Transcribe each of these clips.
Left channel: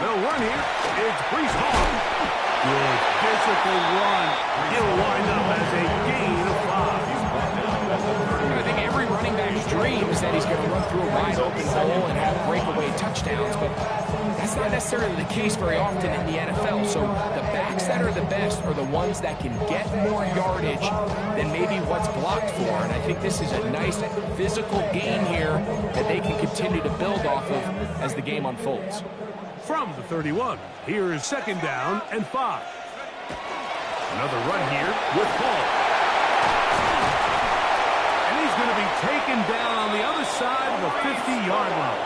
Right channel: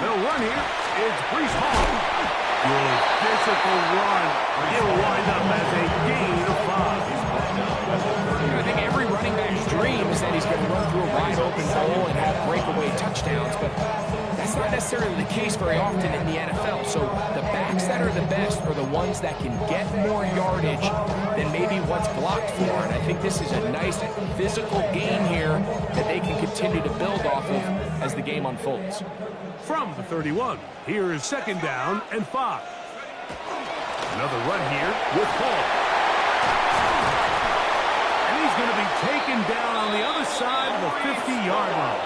They'll run here. It's Brees Hall. Good physical run. It'll wind up as a gain of 5. I think every running back's dream is that he's going to run through a wide-open hole and have breakaway touchdowns, but that's not necessarily the case very often in the NFL. So the backs that are the best are the ones that can get more yardage than maybe what's blocked for. And I think this is a nice physical gain here that they can continue to build off of as the game unfolds. From the 31, here is 2nd down and 5. Another run here with Hall. And he's going to be taken down on the other side of the 50-yard line.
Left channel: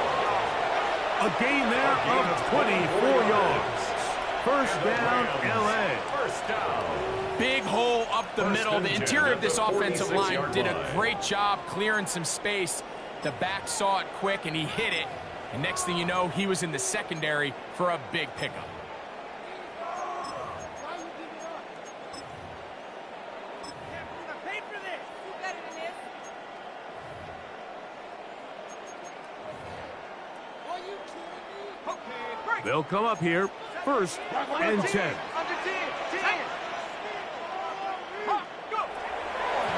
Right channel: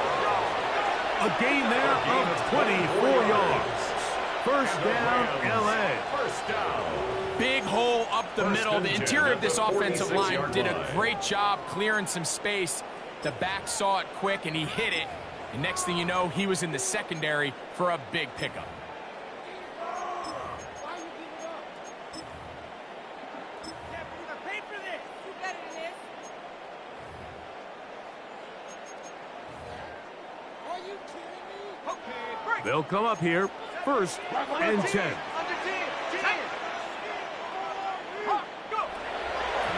A gain there of 24 yards. First down, L.A. First down. Big hole up the middle. The interior of this offensive line did a great job clearing some space. The back saw it quick, and he hit it. And next thing you know, he was in the secondary for a big pickup. They'll come up here, 1st and 10.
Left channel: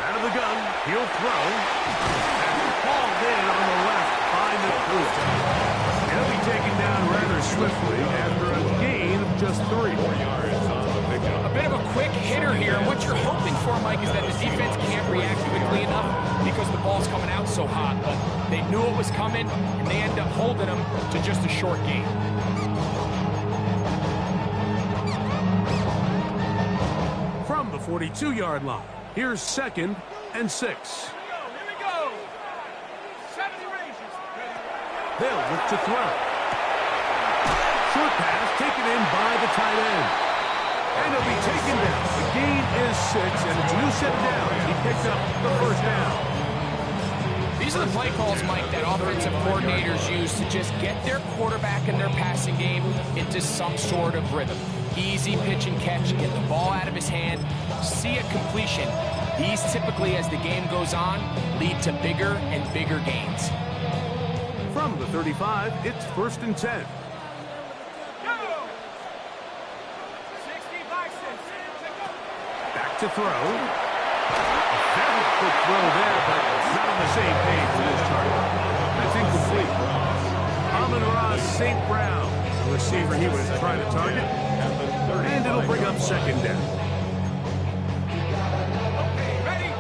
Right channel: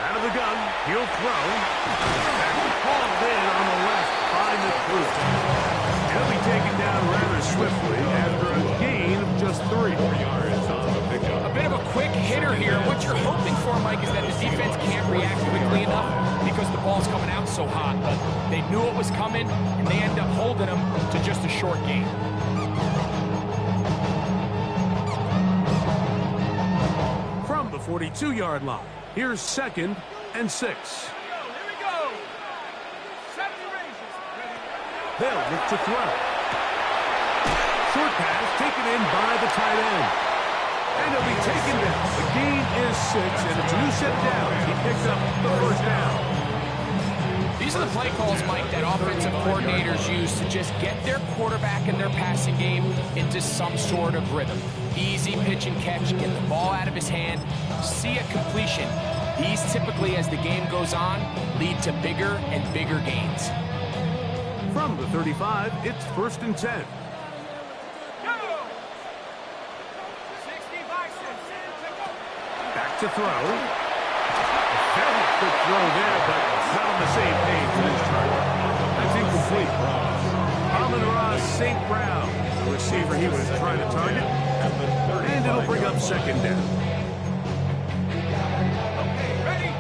Out of the gun, he'll throw. That's hauled in on the left by the He'll be taken down rather swiftly after a gain of just 3. 4 yards on the pickup. A bit of a quick hitter here. What you're hoping for, Mike, is that the defense can't react quickly enough because the ball's coming out so hot. But they knew it was coming, and they end up holding them to just a short gain. From the 42-yard line, here's 2nd and 6. They'll look to throw. Short pass taken in by the tight end. And he'll be taken down. The gain is 6, and it's a new set down. He picked up the 1st down. These are the play calls, Mike, that offensive coordinators use to just get their quarterback and their passing game into some sort of rhythm. Easy pitch and catch, get the ball out of his hand, see a completion. These typically, as the game goes on, lead to bigger and bigger gains. From the 35, it's 1st and 10. Back to throw. A very quick throw there, but not on the same page for this target. That's incomplete. Amon-Ra St. Brown, the receiver he was trying to target. And it'll bring up 2nd down. Okay, ready?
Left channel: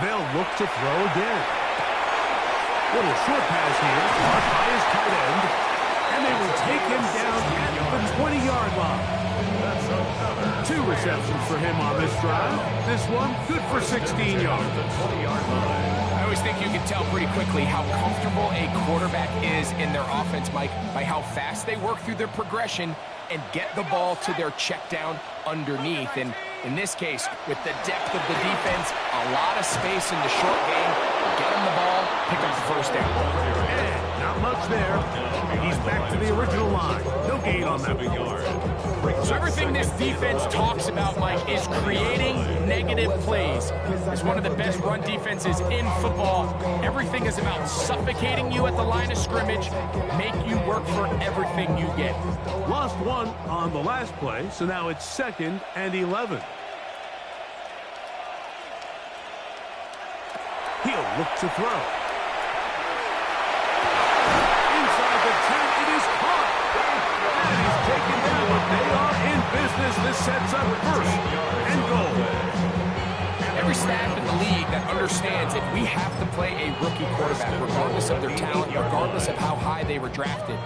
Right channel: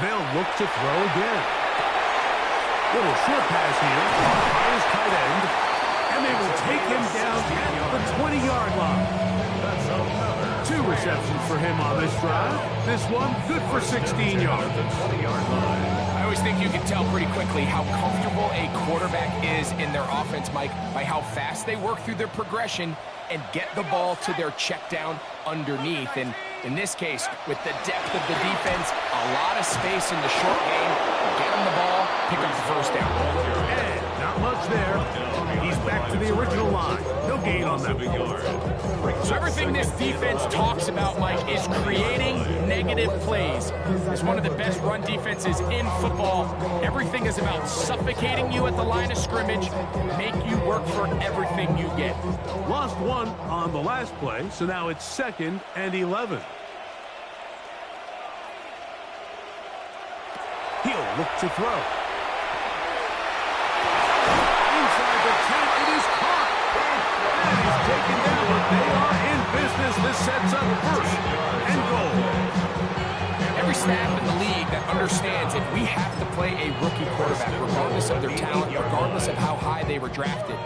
They'll look to throw again. Little short pass here, caught by his tight end, and they will take him down at the 20-yard line. That's another 2 receptions for him on this drive. This one good for 16 yards. The 20-yard line. I always think you can tell pretty quickly how comfortable a quarterback is in their offense, Mike, by how fast they work through their progression and get the ball to their check down underneath. And in this case, with the depth of the defense, a lot of space in the short game, get him the ball, pick up the 1st down. And not much there. He's back to the original line. No gain on that. So everything this defense talks about, Mike, is creating negative plays. It's one of the best run defenses in football. Everything is about suffocating you at the line of scrimmage, make you work for everything you get. Lost 1 on the last play, so now it's 2nd and 11. He'll look to throw. Inside the 10, it is caught. And he's taken down, but they are in business. This sets up 1st and goal. Every staff in the league that understands that we have to play a rookie quarterback, regardless of their talent, regardless of how high they were drafted.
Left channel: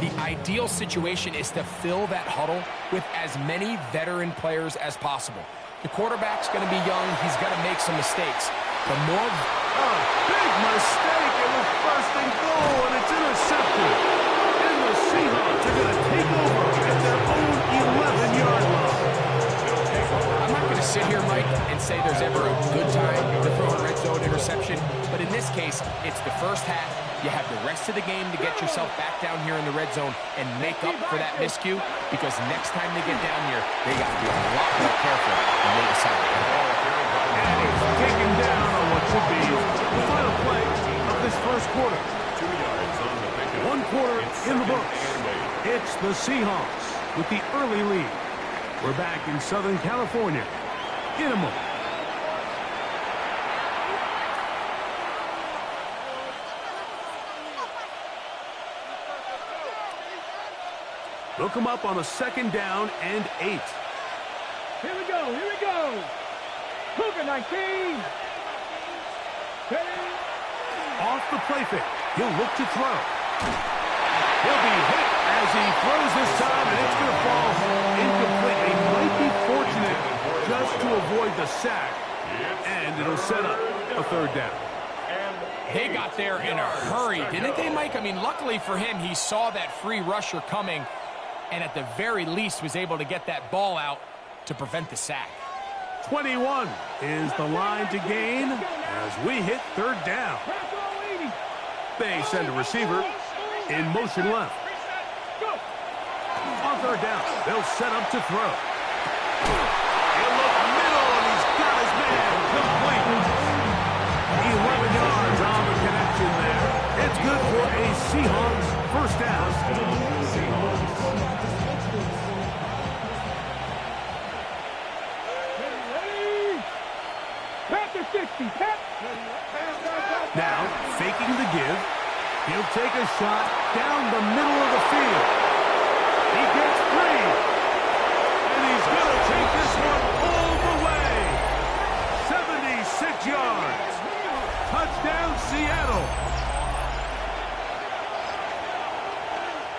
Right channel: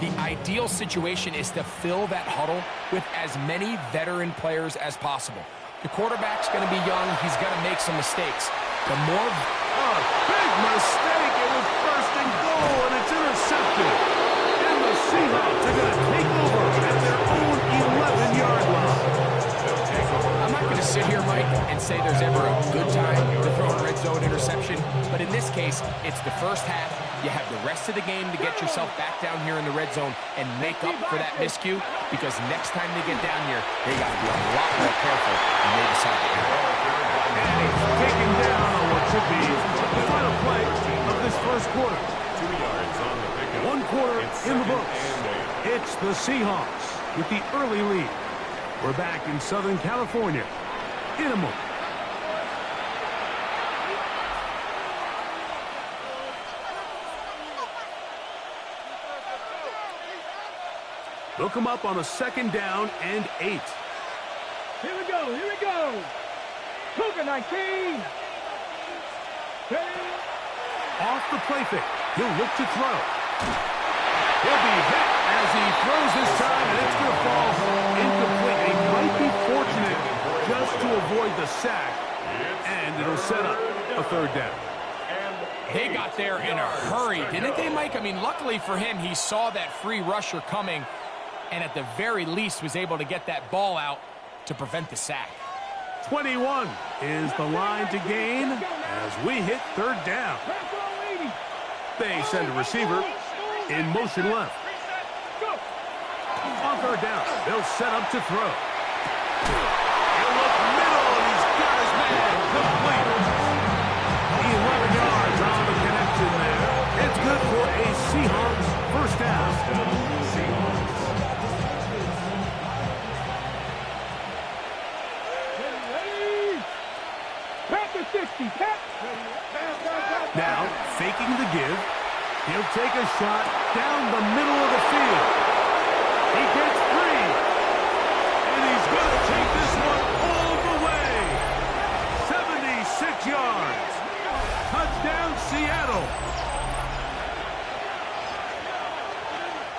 The ideal situation is to fill that huddle with as many veteran players as possible. The quarterback's going to be young. He's going to make some mistakes. The more... A big mistake. It was 1st and goal, and it's intercepted. And the Seahawks are going to take over at their own 11-yard line. I'm not going to sit here, Mike, and say there's ever a good time to throw a red zone interception, but in this case, it's the 1st half. You have the rest of the game to get yourself back down here in the red zone and make up for that miscue, because next time they get down here, they got to be a lot more careful when they decide to enter. And he's taken down on what should be The final play of this first quarter. 2 yards on the pickup. 1 quarter It's in the 2nd books. and 8. It's the Seahawks with the early lead. We're back in Southern California in a moment. They'll come up on a 2nd down and 8. Here we go, here we go. Cougar 19. Off the play fake. He'll look to throw. He'll be hit as he throws this time, and it's going to fall incomplete. He might be fortunate just to avoid the sack, and it'll set up a 3rd down. They got there in a hurry, didn't they, Mike? I mean, luckily for him, he saw that free rusher coming, and at the very least was able to get that ball out to prevent the sack. 21 is the line to gain as we hit 3rd down. They send a receiver in motion left. On 3rd down, they'll set up to throw. He'll look middle, and he's got his man complete. 11 yards on the connection there. It's good for a Seahawks 1st down. Seahawks. Now, faking the give. He'll take a shot down the middle of the field. He gets free. And he's going to take this one all the way. 76 yards. Touchdown, Seattle.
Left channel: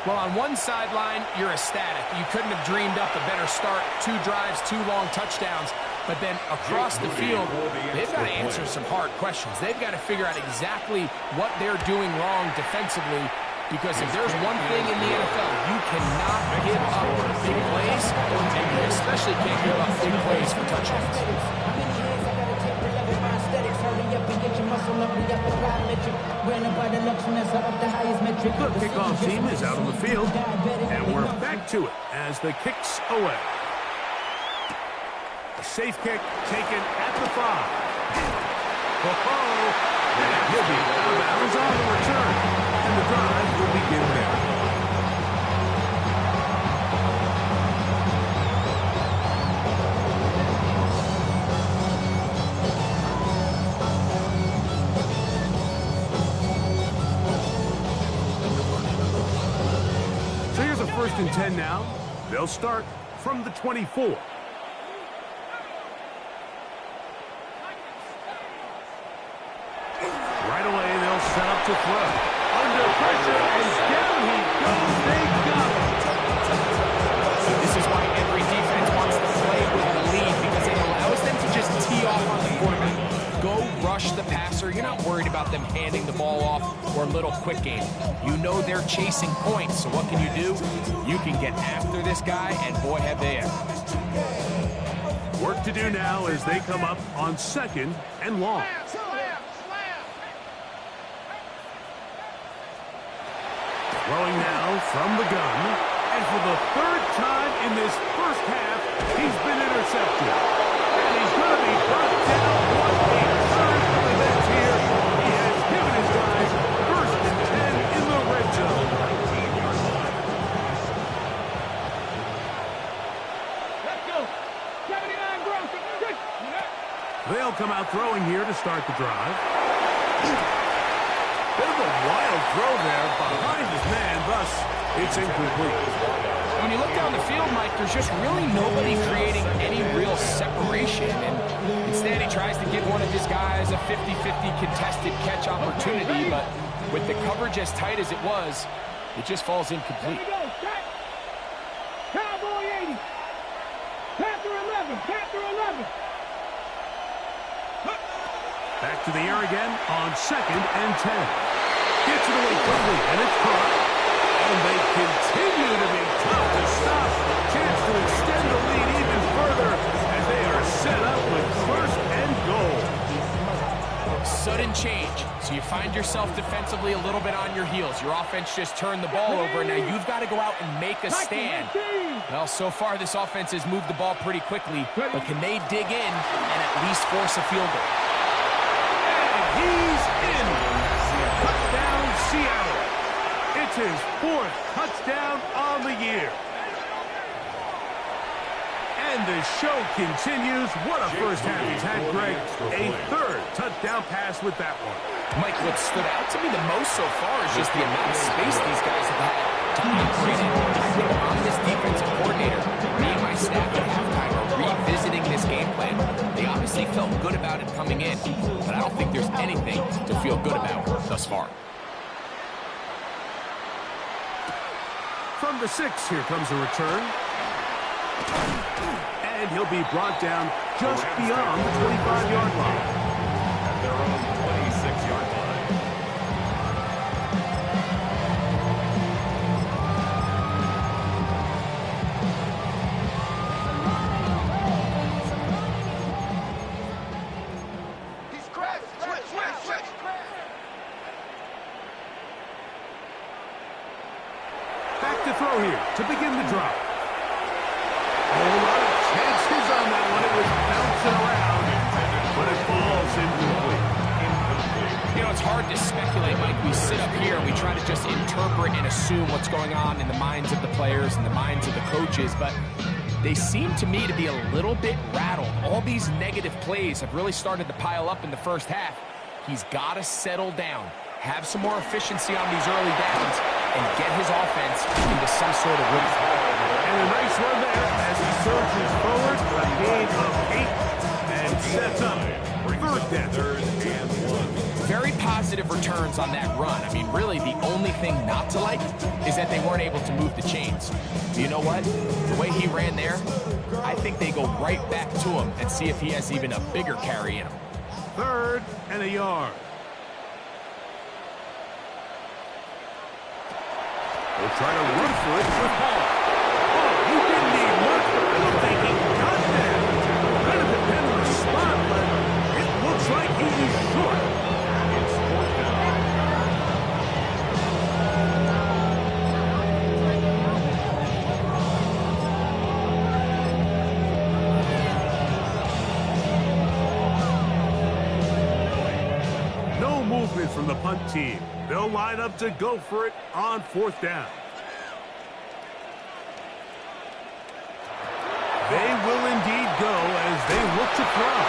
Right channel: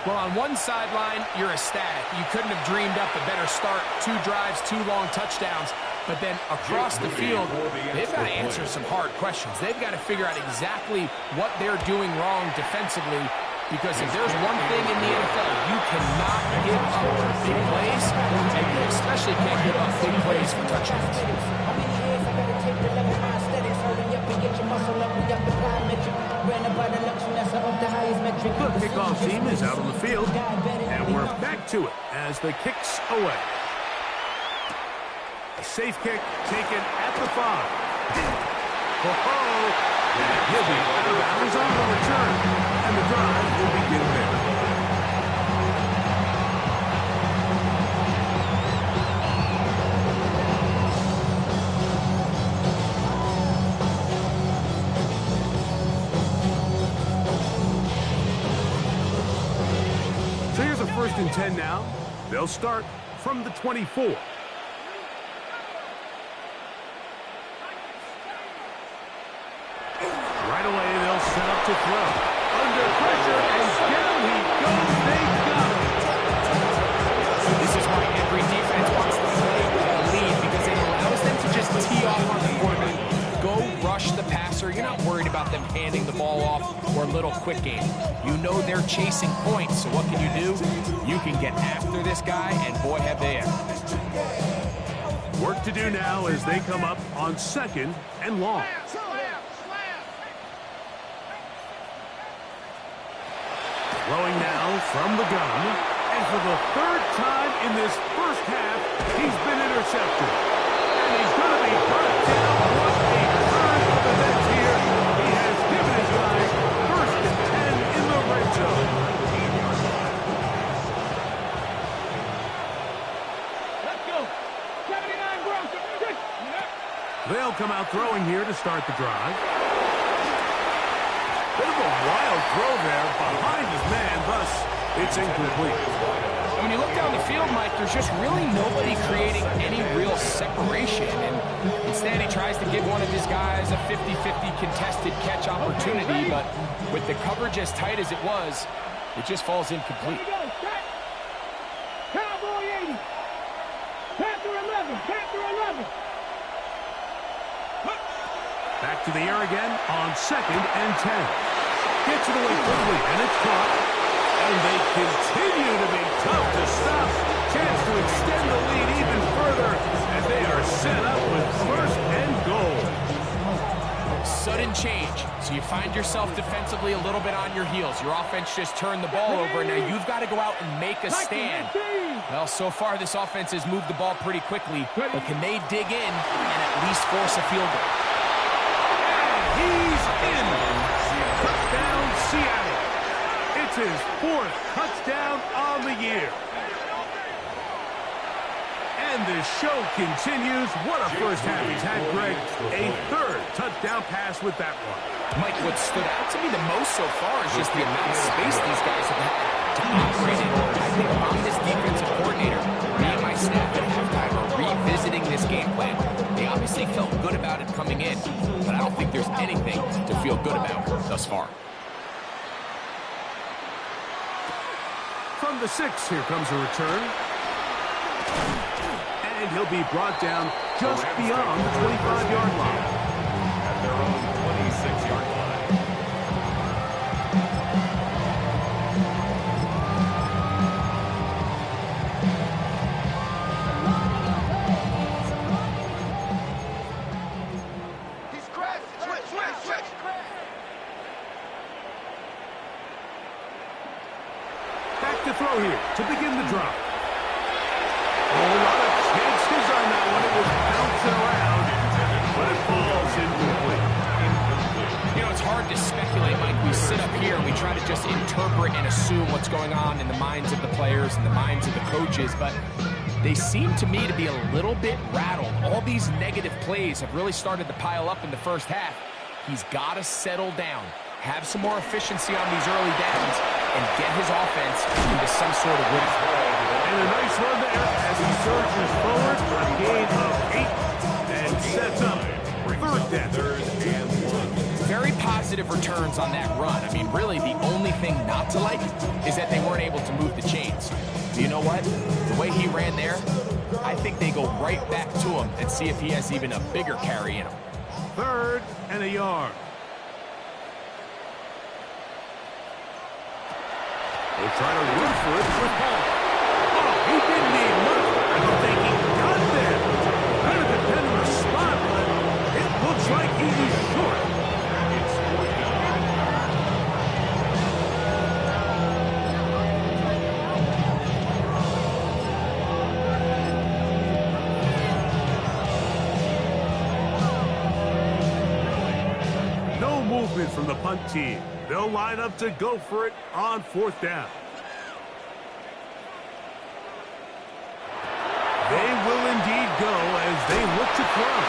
Well, on one sideline, you're ecstatic. You couldn't have dreamed up a better start. 2 drives, 2 long touchdowns. But then across the field, they've got to answer some hard questions. They've got to figure out exactly what they're doing wrong defensively, because if there's one thing in the NFL, you cannot give up big plays, and you especially can't give up big plays for touchdowns. The kickoff team is out on the field, and we're back to it as the kick's away. A safe kick taken at the 5. And he'll be out of bounds on the return. And the drive will begin there. So here's a 1st and 10 now. They'll start from the 24. Right away, they'll set up to throw. Under pressure, and down he goes. They got him. This is why every defense wants to play with a lead, because it allows them to just tee off on the quarterback. Go rush the passer. You're not worried about them handing the ball off or a little quick game. You know they're chasing points, so what can you do? You can get after this guy, and boy, have they ever. Work to do now as they come up on 2nd and long. Throwing now from the gun. And for the 3rd time in this first half, he's been intercepted. And he's going to be brought down. What a turn of events here. He has given his guys 1st and 10 in the red zone. 19-yard line. Let's go. 79 gross. They'll come out throwing here to start the drive. Bit of a wild throw there behind his man, thus it's incomplete. And when you look down the field, Mike, there's just really nobody creating any real separation. And instead, he tries to give one of his guys a 50-50 contested catch opportunity. But with the coverage as tight as it was, it just falls incomplete. Here we go. Set. Cowboy 80. Panther 11. Panther 11. Back to the air again on 2nd and 10. Gets it away quickly, and it's caught. And they continue to be tough to stop. Chance to extend the lead even further as they are set up with 1st and goal. Sudden change. So you find yourself defensively a little bit on your heels. Your offense just turned the ball over. Now you've got to go out and make a stand. Well, so far this offense has moved the ball pretty quickly. But can they dig in and at least force a field goal? He's is in. Touchdown, Seattle. It's his 4th touchdown on the year. And the show continues. What a first half he's had, Greg. A 3rd touchdown pass with that one. Mike, what stood out to me the most so far is just the amount of space these guys have had to operate in. I think if I'm this defensive coordinator, me and my staff at halftime are revisiting this game plan. They obviously felt good about it coming in, but I don't think there's anything to feel good about thus far. From the 6, here comes a return. And he'll be brought down just beyond the 25-yard line. At their own 26-yard line. He's crashed. Switch. Back to throw here to begin the drive. A whole lot of chances on that one. It was bouncing around, but it falls incomplete. You know, it's hard to speculate, Mike. We sit up here and we try to just interpret and assume what's going on in the minds of the players and the minds of the coaches, but they seem to me to be a little bit rattled. All these negative plays have really started to pile up in the first half. He's got to settle down, have some more efficiency on these early downs, and get his offense into some sort of rhythm. And a nice run there as he surges forward for a gain of 8 and sets up 3rd down. 3rd and 1. Very positive returns on that run. I mean, really, the only thing not to like is that they weren't able to move the chains. But you know what? The way he ran there, I think they go right back to him and see if he has even a bigger carry in him. 3rd and a yard. They'll try to run for it with Hall. Oh, he didn't need much, but I don't think he got there. Kind of depend on the spot, but it looks like he is short. It's 4th down. No movement from the punt team. They'll line up to go for it on 4th down. They will indeed go as they look to throw.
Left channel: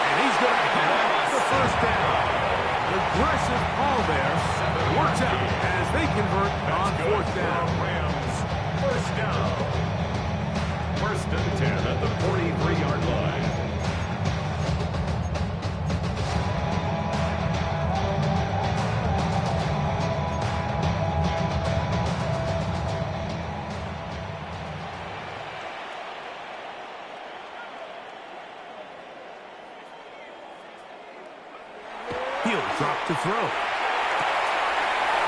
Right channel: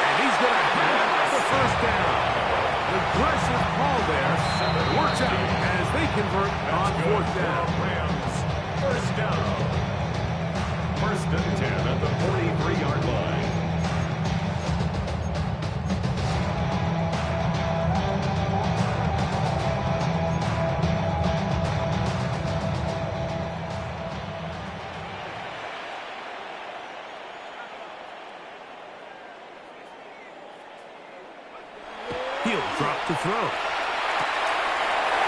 And he's going to have the 1st down. Aggressive call there. Works out as they convert on 4th down. Rams, 1st down. 1st and 10 at the 43-yard line. He'll drop to throw.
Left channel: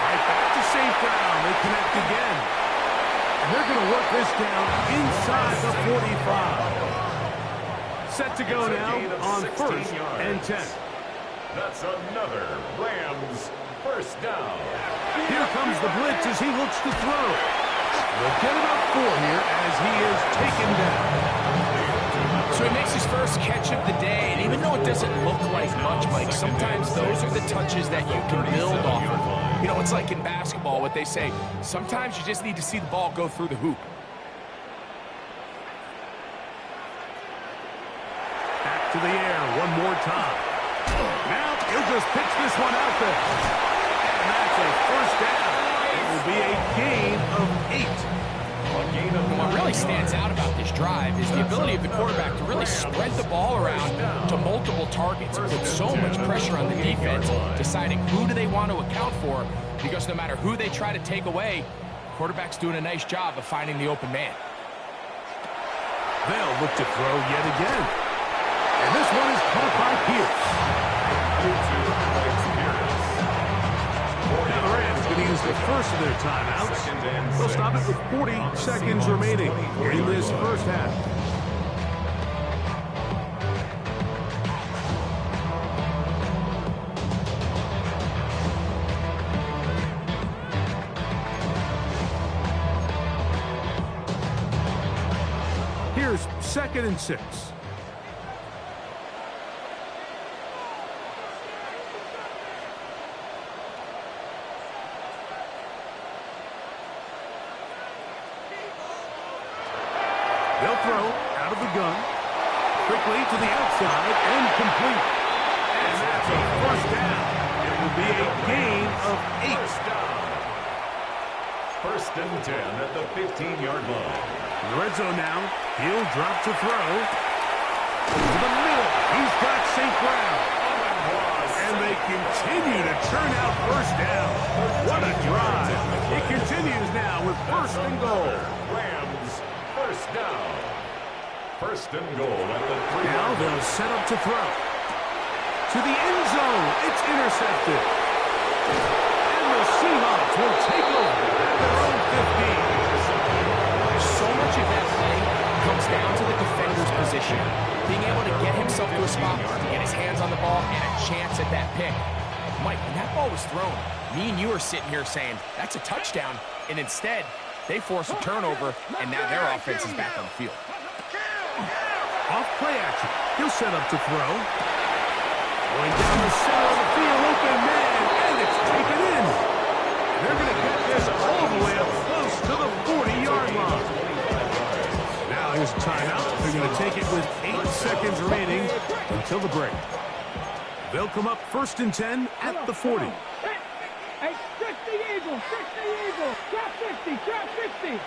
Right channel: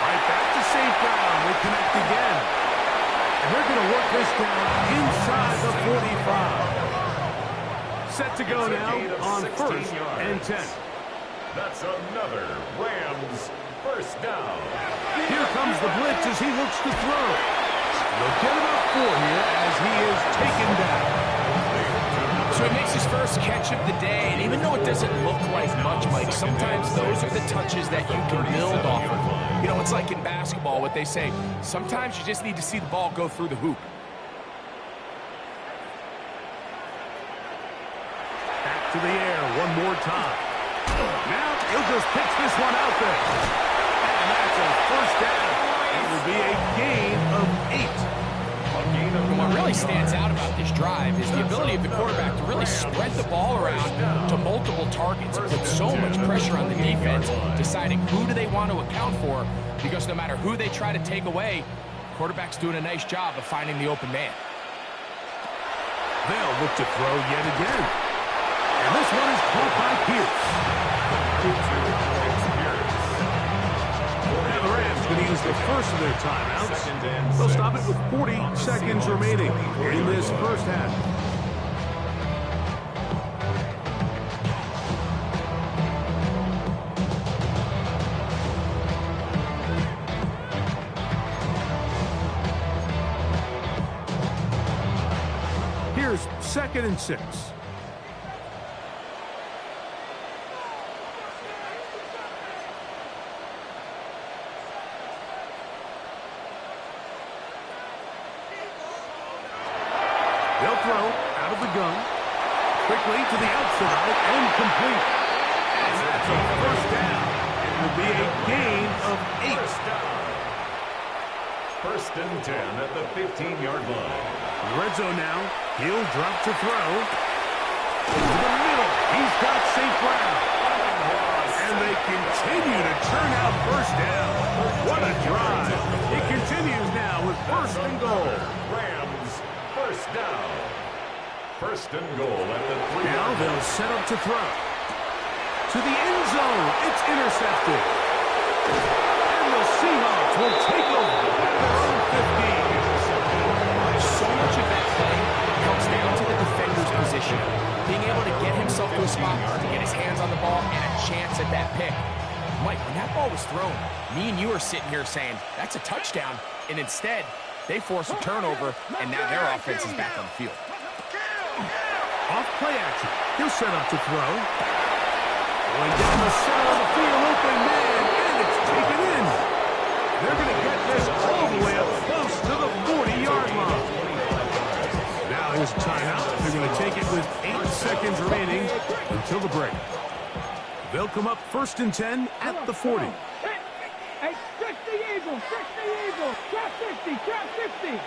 Right back to St. Brown. They connect again. And they're going to work this down inside the 45. Set to go now on 1st and 10. That's another Rams 1st down. Here comes the blitz as he looks to throw. They'll get about 4 here as he is taken down. So he makes his first catch of the day, and even though it doesn't look like much, Mike, sometimes those are the touches that you can build off of. You know, it's like in basketball, what they say, sometimes you just need to see the ball go through the hoop. Back to the air one more time. Now he'll just pitch this one out there. And that's a 1st down. It will be a gain of 8. And what really stands out about this drive is the ability of the quarterback to really spread the ball around to multiple targets. It puts so much pressure on the defense, deciding who do they want to account for, because no matter who they try to take away, the quarterback's doing a nice job of finding the open man. They'll look to throw yet again. And this one is caught by Pierce. Now the Rams going to use the first of their timeouts. They'll stop it with 40 seconds remaining in this first half. Here's 2nd and 6. They'll throw out of the gun. Quickly to the outside and complete. And that's a first down. It will be a gain of 8. First down. First and 10 at the 15-yard line. Red zone now. He'll drop to throw. To the middle. He's got St. Brown. And they continue to churn out first down. What a drive. It continues now with first and goal. Rams, first down. First and goal at the 3-yard line. Now they'll set up to throw. To the end zone. It's intercepted. And the Seahawks will take over at their own 15. So much of that play comes down to the defender's position. Being able to get himself to a spot, to get his hands on the ball, and a chance at that pick. Mike, when that ball was thrown, me and you are sitting here saying, that's a touchdown. And instead, they force a turnover, and now their offense is back on the field. Off play action. He'll set up to throw. Going down the center of the field, open man, and it's taken in. They're going to get this all the way up close to the 40-yard line. Now here's a timeout. They're going to take it with 8 seconds remaining until the break. They'll come up first and 10 at the 40. Hey, 60 Eagles, 60 Eagles. Trap 60, trap 60.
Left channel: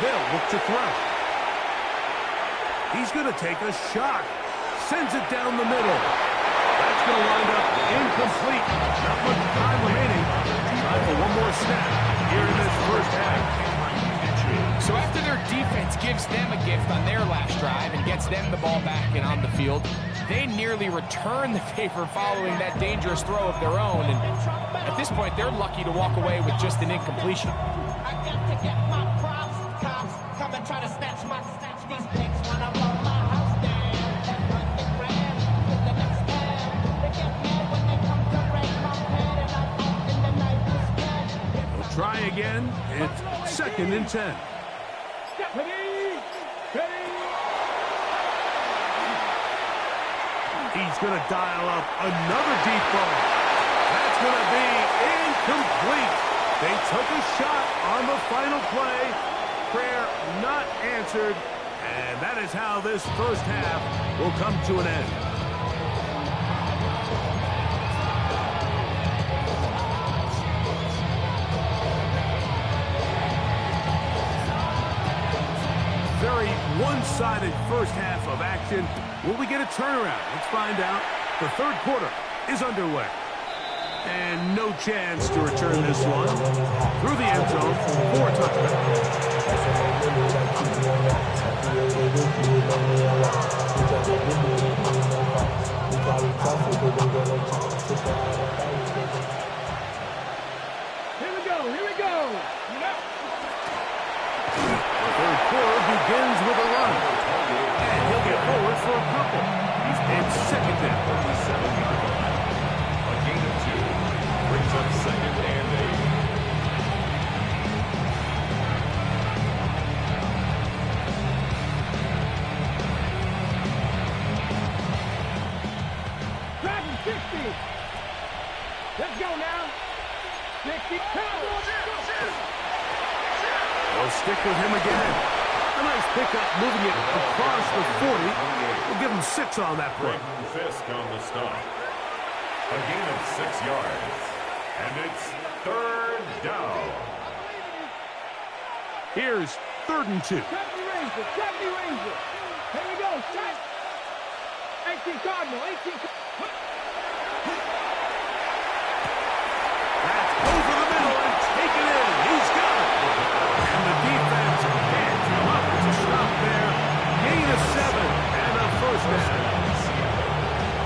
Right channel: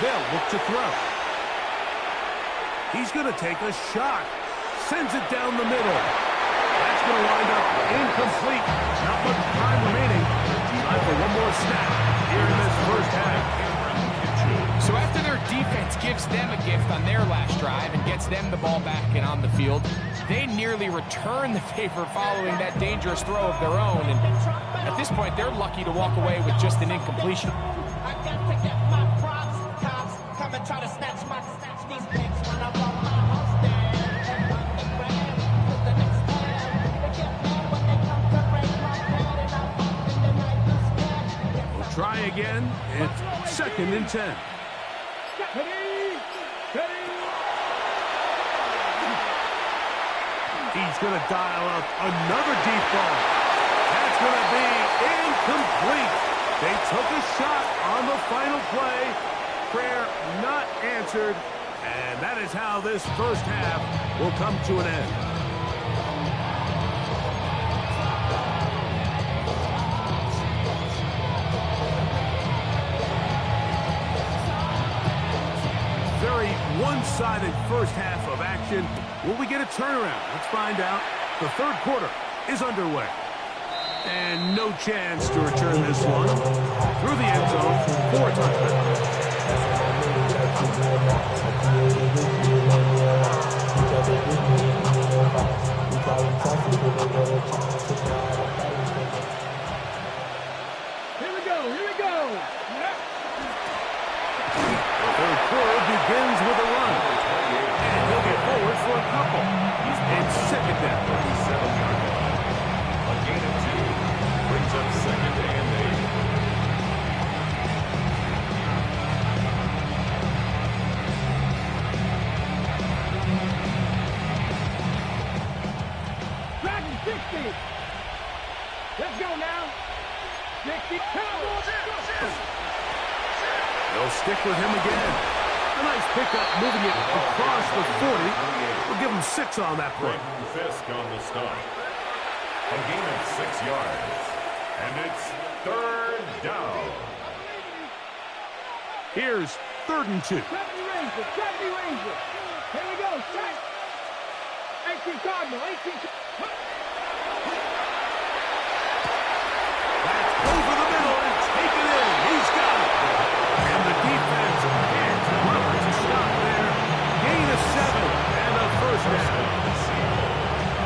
They'll look to throw. He's going to take a shot. Sends it down the middle. That's going to wind up incomplete. Not much time remaining. Time for one more snap here in this first half. So after their defense gives them a gift on their last drive and gets them the ball back and on the field, they nearly return the favor following that dangerous throw of their own. And at this point, they're lucky to walk away with just an incompletion. I got to get my props. Cops come and try to snatch these pics when I roll my house down. And underground to the next town. They get mad when they come to break my plan, and I'm up in the night to scan. We'll try again. It's second and 10. Ready, ready. He's going to dial up another deep ball. That's going to be incomplete. They took a shot on the final play. Prayer not answered. And that is how this first half will come to an end. Very one-sided first half of action. Will we get a turnaround? Let's find out. The third quarter is underway. And no chance to return this one. Through the end zone for a touchback. Here we go, here we go. The third quarter begins with a run. And he'll get forward for a couple. It's second down. 37-yard line. A gain of 2. Brings up second and 8. Dragon 60. Let's go now. 60. They'll stick with him again. A nice pickup, moving it across the 40. We'll give him 6 on that play. Fisk on the stop. A gain of 6 yards. And it's third down. Here's 3rd and 2. 70 Ranger, 70 Ranger. Here we go, set. 18 Cardinal, 18. That's over the middle and taken in. He's got it. And the defense can't come up to stop there. Gain of 7 and a first down.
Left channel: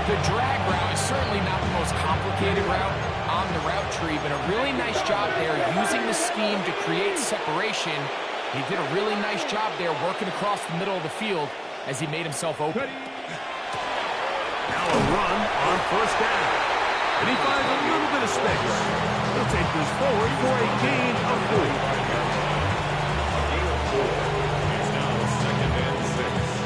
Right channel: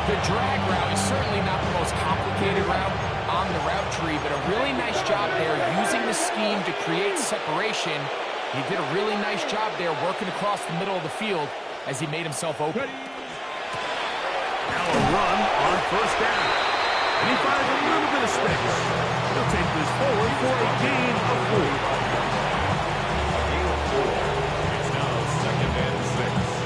The drag route is certainly not the most complicated route on the route tree, but a really nice job there using the scheme to create separation. He did a really nice job there working across the middle of the field as he made himself open. Now a run on first down. And he finds a little bit of space. He'll take this forward for a gain of 4. A gain of 4. It's now second and 6.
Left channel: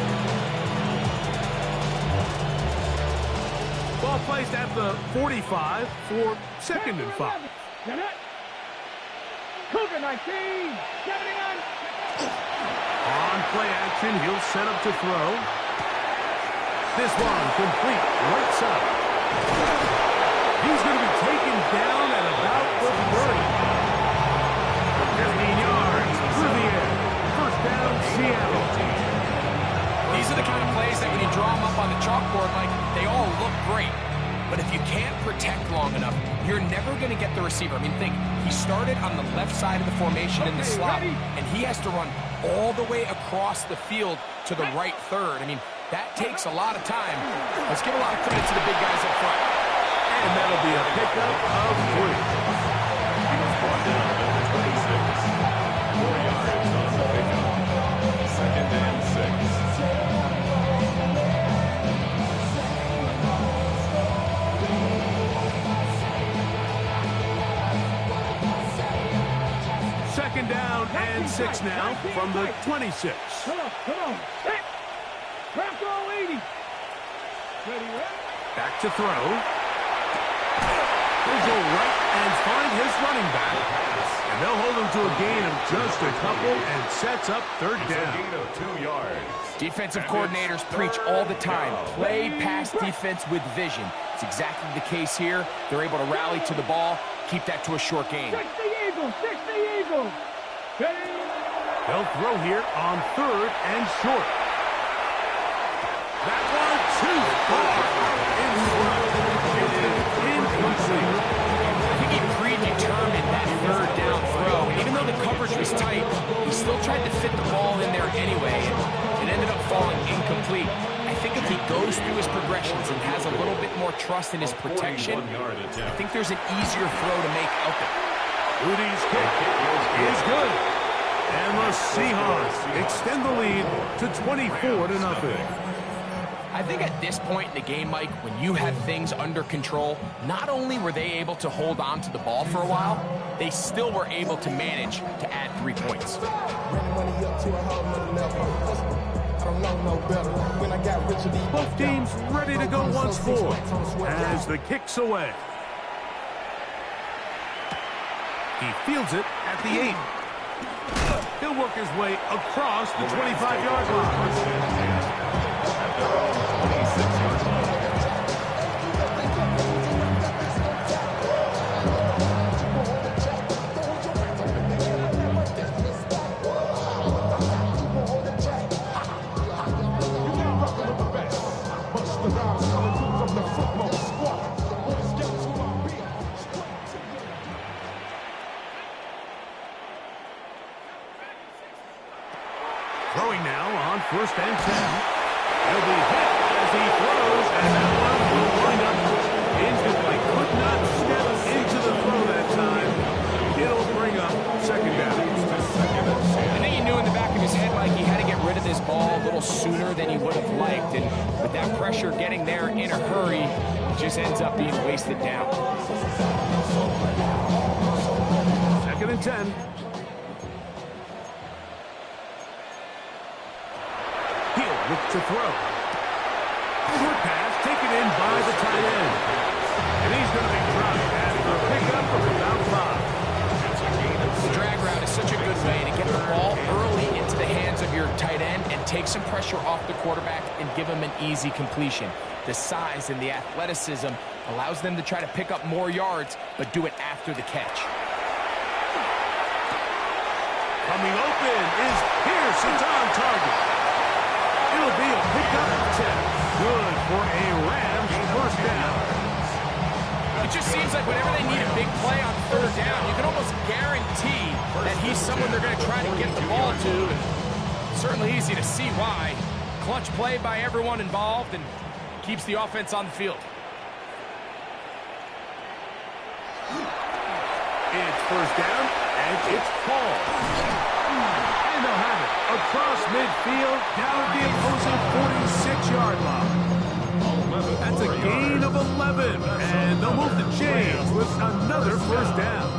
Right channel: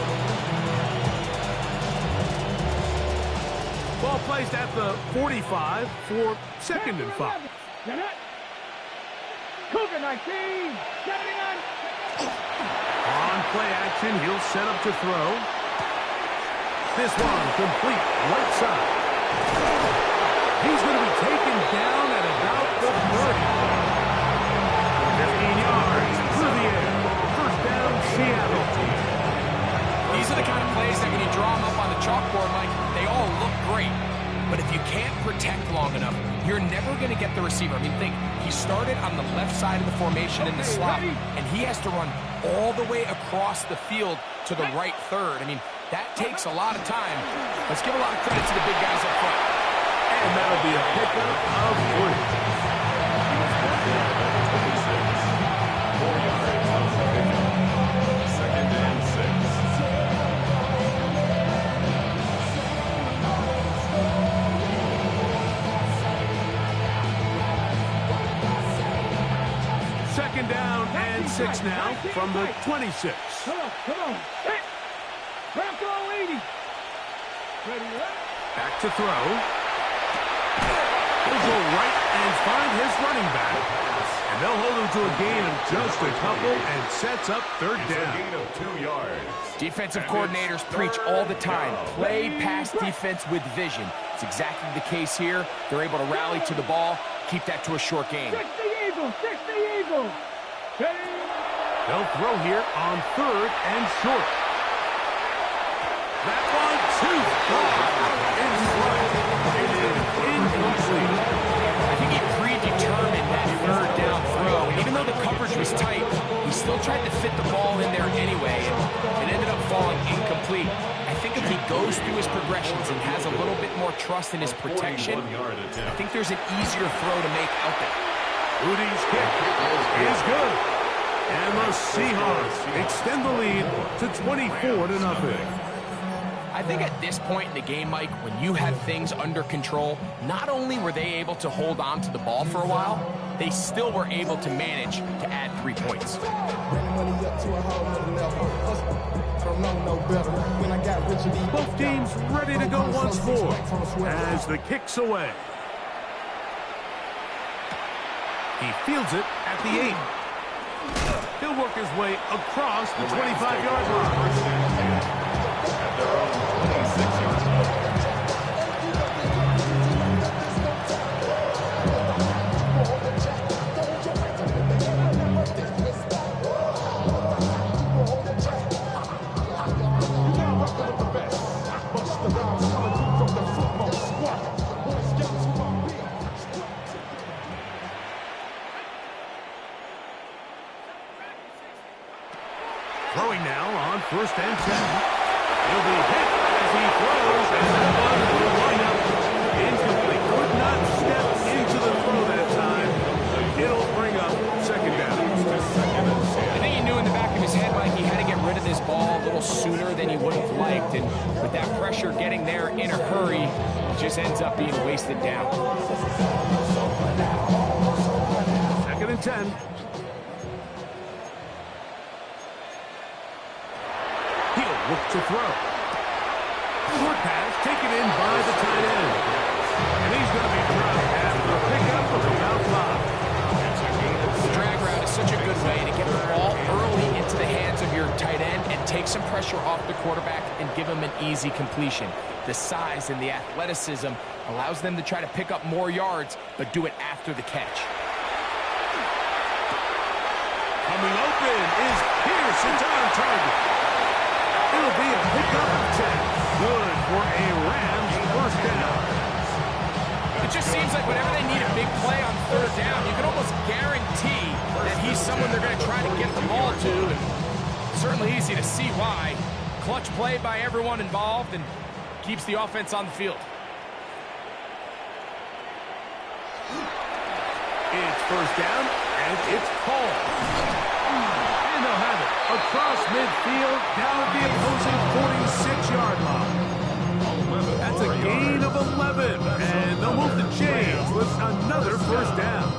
Ball placed at the 45 for second and 5. Cougar 19, 79. On play action, he'll set up to throw. This one complete right side. He's going to be taken down at about the 30. 15 yards through the air. First down, Seattle. These are the kind of plays that when you draw them up on the chalkboard, Mike, they all look great. But if you can't protect long enough, you're never going to get the receiver. I mean, think, he started on the left side of the formation in the slot, and he has to run all the way across the field to the right third. I mean, that takes a lot of time. Let's give a lot of credit to the big guys up front. And that'll be a pickup of 3. He was brought down at the 26. 4 yards on the pickup. Second and 6. Second down and 6 now from the 26. Come on. Hit. Drop all 80. Ready, right? Back to throw. He'll go right and find his running back. And they'll hold him to a gain of just a couple and sets up third down. A gain of 2 yards. Defensive coordinators preach all the time, play pass defense with vision. It's exactly the case here. They're able to rally to the ball, keep that to a short gain. 60 Eagles. Ready? They'll throw here on 3rd and short. That one too far out in front. It is incomplete. I think he predetermined that 3rd down throw. And even though the coverage was tight, he still tried to fit the ball in there anyway, and it ended up falling incomplete. I think if he goes through his progressions and has a little bit more trust in his protection, I think there's an easier throw to make out there. Udi's kick is good. And the Seahawks extend the lead to 24-0. I think at this point in the game, Mike, when you have things under control, not only were they able to hold on to the ball for a while, they still were able to manage to add 3 points. Both teams ready to go once more as the kick's away. He fields it at the 8. He'll work his way across the 25-yard line. First and 10 at their own 26-yard line. Throwing now on 1st and 10. He'll be hit as he throws, and that one will wind up incomplete. Could not step into the throw that time. It'll bring up 2nd down. I think he knew in the back of his head, Mike, he had to get rid of this ball a little sooner than he would have liked. And with that pressure getting there in a hurry, it just ends up being wasted down. 2nd and 10. He'll look to throw. Short pass taken in by the tight end. And he's going to be dropped after a pickup of about 5. The drag route is such a good way to get the ball early into the hands of your tight end and take some pressure off the quarterback and give him an easy completion. The size and the athleticism allows them to try to pick up more yards, but do it after the catch. Coming open is Pierce. It's on target. It'll be a pickup of 10. Good for a Rams first down. It just seems like whenever they need a big play on 3rd down, you can almost guarantee that he's someone they're going to try to get the ball to. And certainly easy to see why. Clutch play by everyone involved and keeps the offense on the field. It's first down, and it's called. And they'll have it across midfield, down at the opposing 46-yard line. That's a gain of 11, and they'll move the chains with another first down.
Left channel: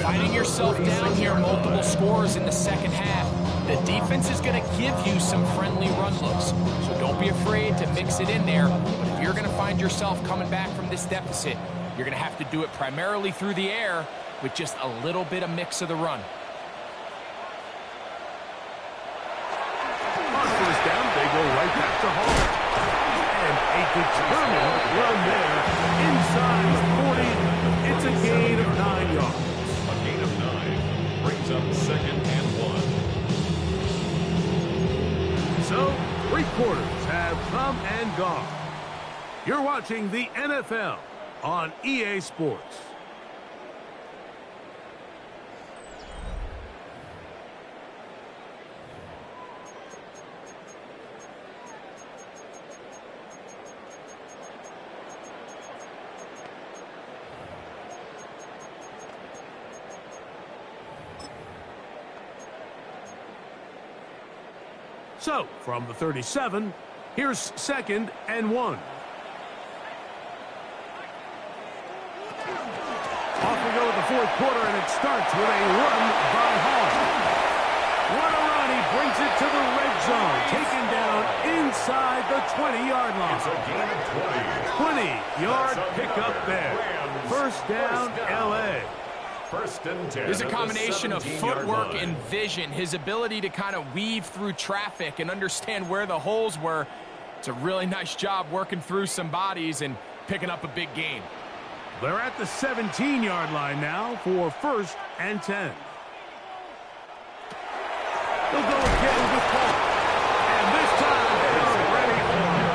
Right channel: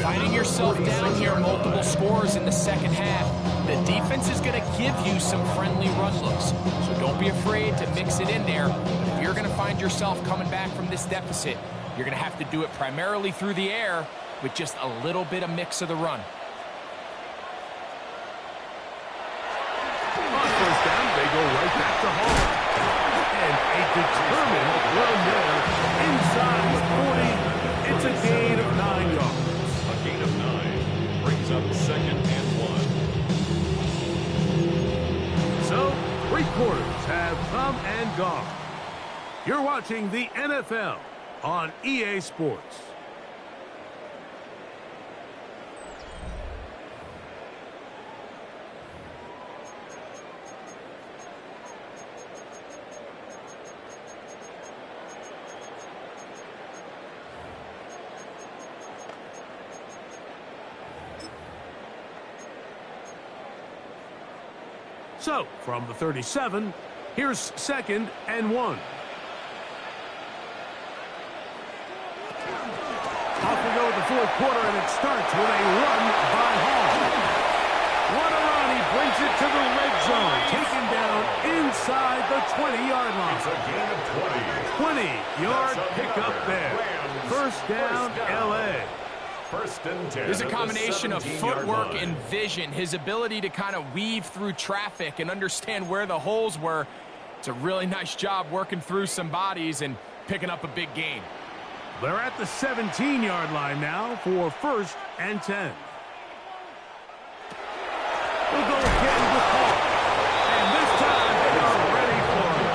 Finding yourself down here, multiple scores in the second half. The defense is going to give you some friendly run looks, so don't be afraid to mix it in there. But if you're going to find yourself coming back from this deficit, you're going to have to do it primarily through the air with just a little bit of mix of the run. first down, they go right back to Hall. And a determined run there inside the 40. It's a gain of 9 yards. A gain of 9 brings up 2nd and 1. So, 3 quarters have come and gone. You're watching the NFL on EA Sports. So, from the 37, here's 2nd and 1. Off we go with the 4th quarter, and it starts with a run by Hall. What a run. He brings it to the red zone, taken down inside the 20-yard line. It's a gain of 20. 20-yard pickup there. First down, L.A. 1st and 10. There's a combination of footwork and vision, his ability to kind of weave through traffic and understand where the holes were. It's a really nice job working through some bodies and picking up a big gain. They're at the 17-yard line now for 1st and 10. They'll go again with Hall. And this time they are ready for it.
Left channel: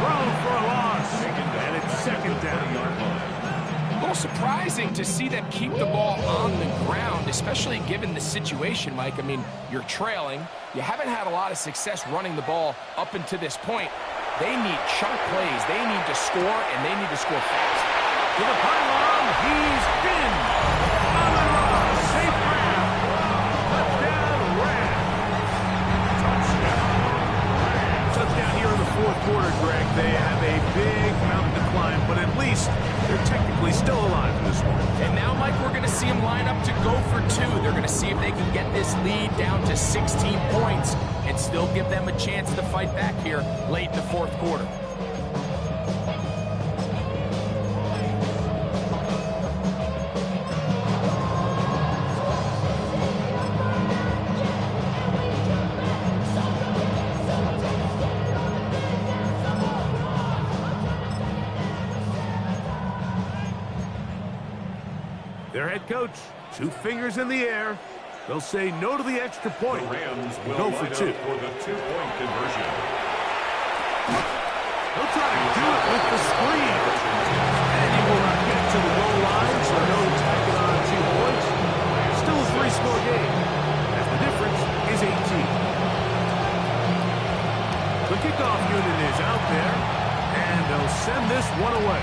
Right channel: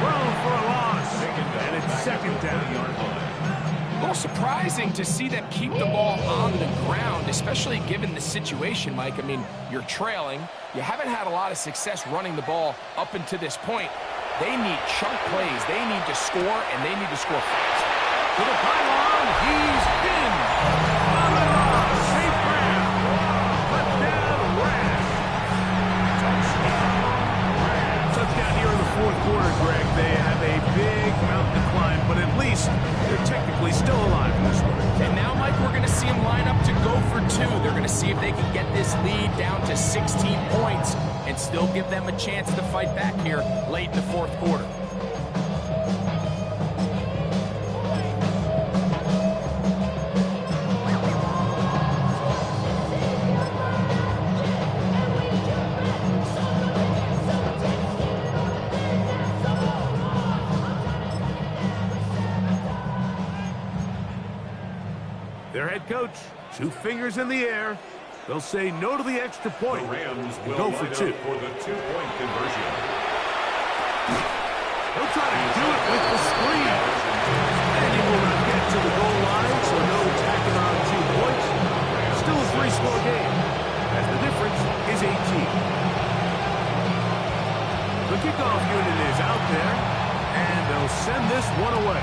Thrown for a loss. And it's 2nd down. A little surprising to see them keep the ball on the ground, especially given the situation, Mike. I mean, you're trailing. You haven't had a lot of success running the ball up until this point. They need chunk plays. They need to score, and they need to score fast. To the pylon, he's in. Amon-Ra, safe grab. Touchdown, Rams. Touchdown here in the 4th quarter, Greg. They have a big mountain to climb, but at least they're technically still alive in this one. And now, Mike, we're going to see them line up to go for 2. They're going to see if they can get this lead down to 16 points and still give them a chance to fight back here late in the 4th quarter. Their head coach, 2 fingers in the air. They'll say no to the extra point. The Rams will go for 2. For the 2-point conversion. They'll try to do it with the screen. And he will not get to the goal line, so no tacking on 2 points. Still a 3-score game, as the difference is 18. The kickoff unit is out there, and they'll send this one away.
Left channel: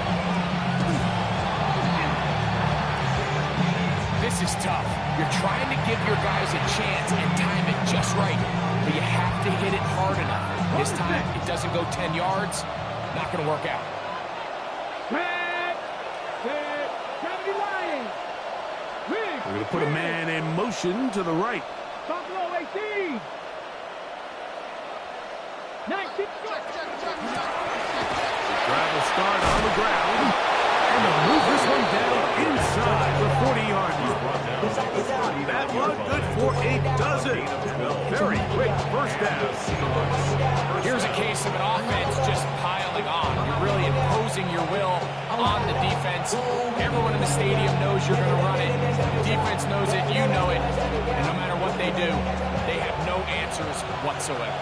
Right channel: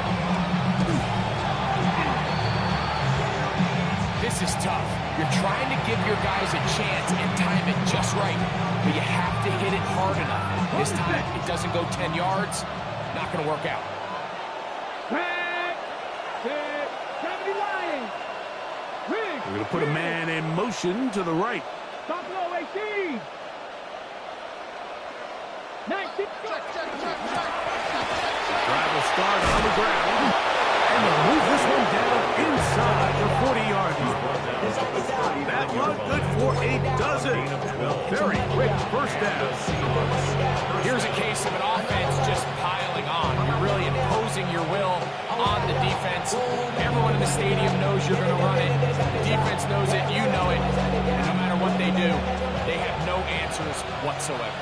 This is tough. You're trying to give your guys a chance and time it just right, but you have to hit it hard enough. This time, it doesn't go 10 yards. Not going to work out. We're going to put a man in motion to the right. Buffalo 18. 19. Drive will start on the ground. And they'll move this one down inside the 40-yard line. That one good for a dozen. Very quick first down. Here's a case of an offense just piling on. You're really imposing your will on the defense. Everyone in the stadium knows you're going to run it. The defense knows it. You know it. And no matter what they do, they have no answers whatsoever.